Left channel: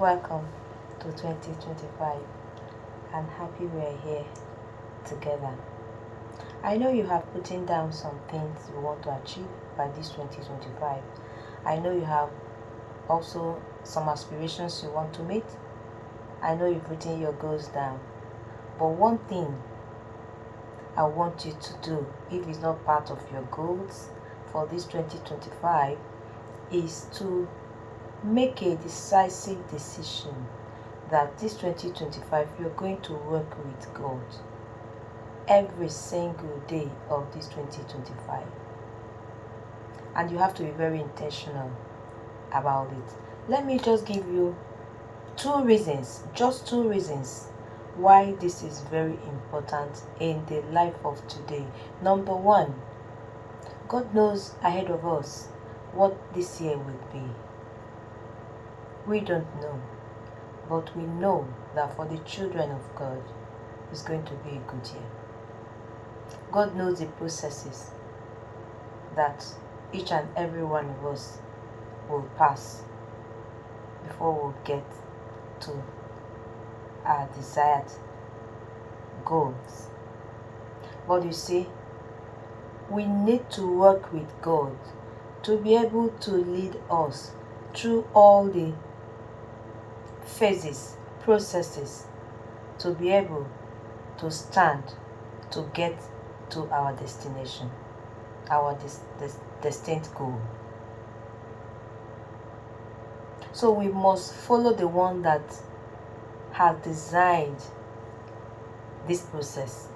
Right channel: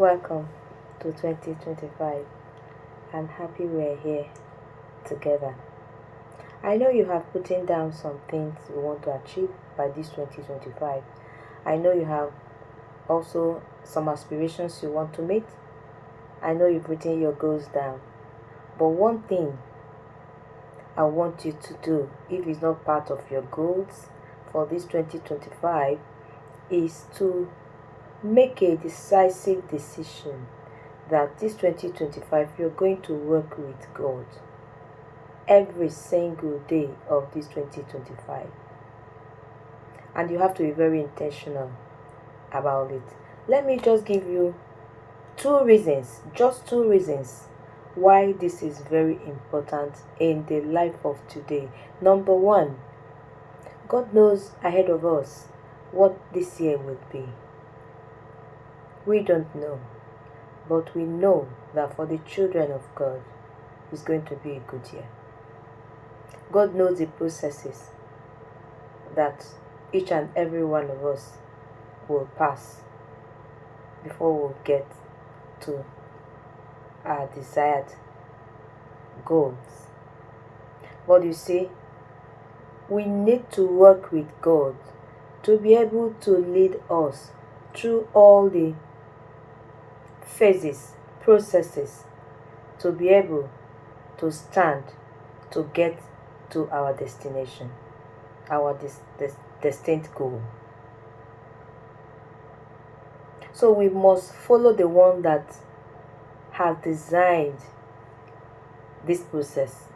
Welcome to 2025. I'm happy we are here together. I know you have put down some things you want to achieve by this 2025. I know you have also some aspirations you want to meet. I know you've written your goals down. But one thing I want you to do, if it's not part of your goals for this 2025, is to make a decisive decision that this 2025 you're going to work with God every single day of this 2025. And you have to be very intentional about it. Let me just give you just two reasons why this is very important in the life of today. Number one, God knows ahead of us what this year will be. We don't know, but we know that for the children of God, it's going to be a good year. God knows the processes that each and every one of us will pass before we'll get to our desired goals. But you see, we need to work with God to be able to lead us through all the phases, processes, to be able to stand to get to our destination, our destined goal. So we must follow the one that has designed this process,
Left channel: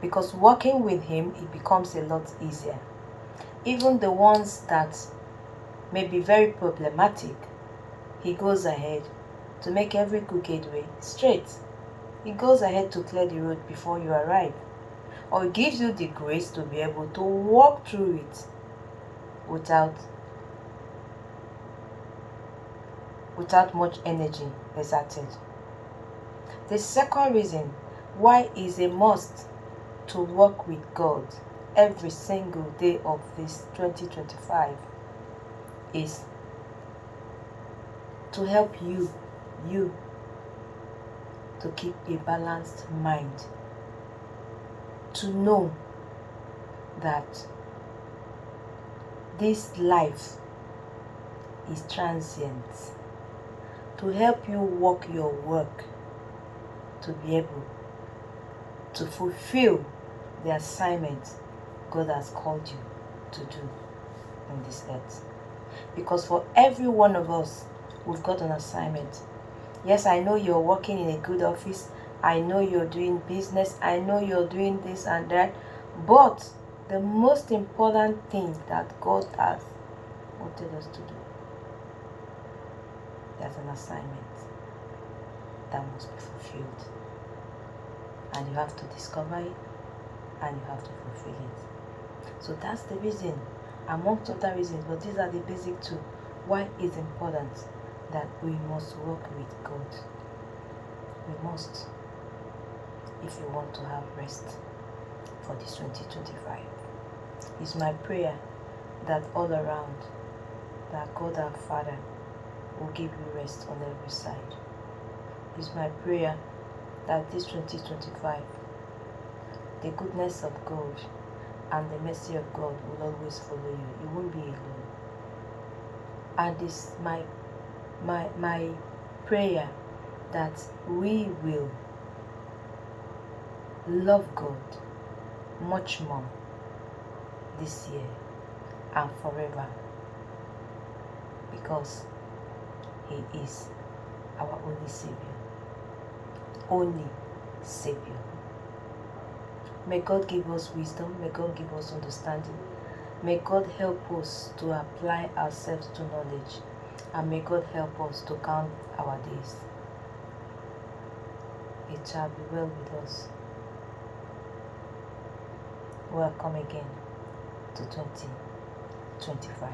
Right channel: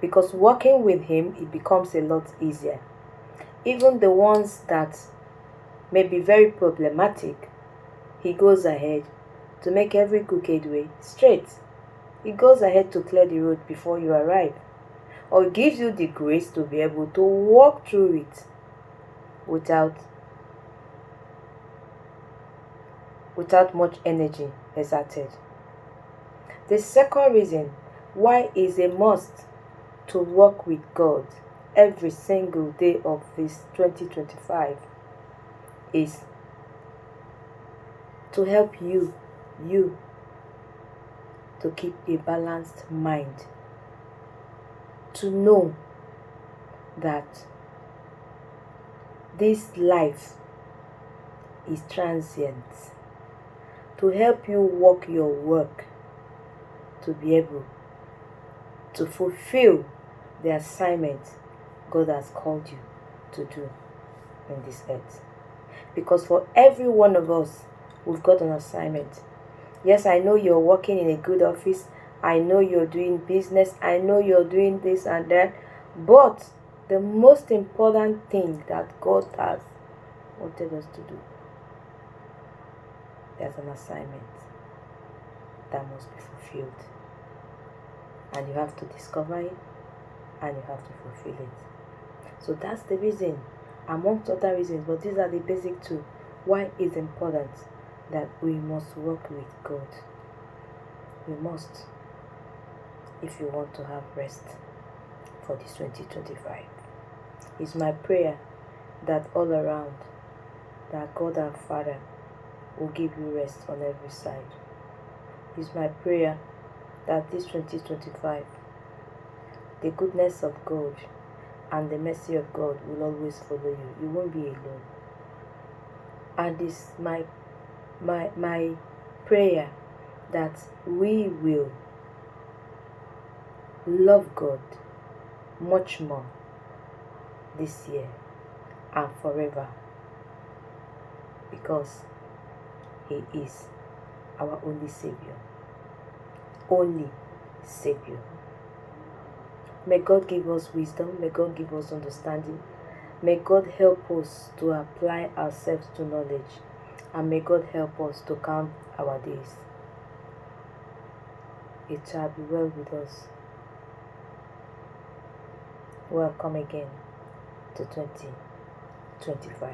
because working with him, it becomes a lot easier. Even the ones that may be very problematic, he goes ahead to make every crooked way straight. He goes ahead to clear the road before you arrive, or gives you the grace to be able to walk through it without much energy exerted. The second reason why it's a must to work with God every single day of this 2025 is to help you to keep a balanced mind, to know that this life is transient, to help you walk your work, to be able to fulfill the assignment God has called you to do in this earth. Because for every one of us, we've got an assignment. Yes, I know you're working in a good office. I know you're doing business. I know you're doing this and that. But the most important thing that God has wanted us to do, there's an assignment that must be fulfilled. And you have to discover it, and you have to fulfill it. So that's the reason, amongst other reasons, but these are the basic two, why it's important that we must work with God. We must, if you want to have rest for this 2025. It's my prayer that all around, that God our Father will give you rest on every side. It's my prayer that this 2025, the goodness of God and the mercy of God will always follow you. You won't be alone. And it's my prayer that we will love God much more this year and forever, because He is our only Savior. Only Savior. May God give us wisdom. May God give us understanding. May God help us to apply ourselves to knowledge. And may God help us to count our days. It shall be well with us. Welcome again to 2025.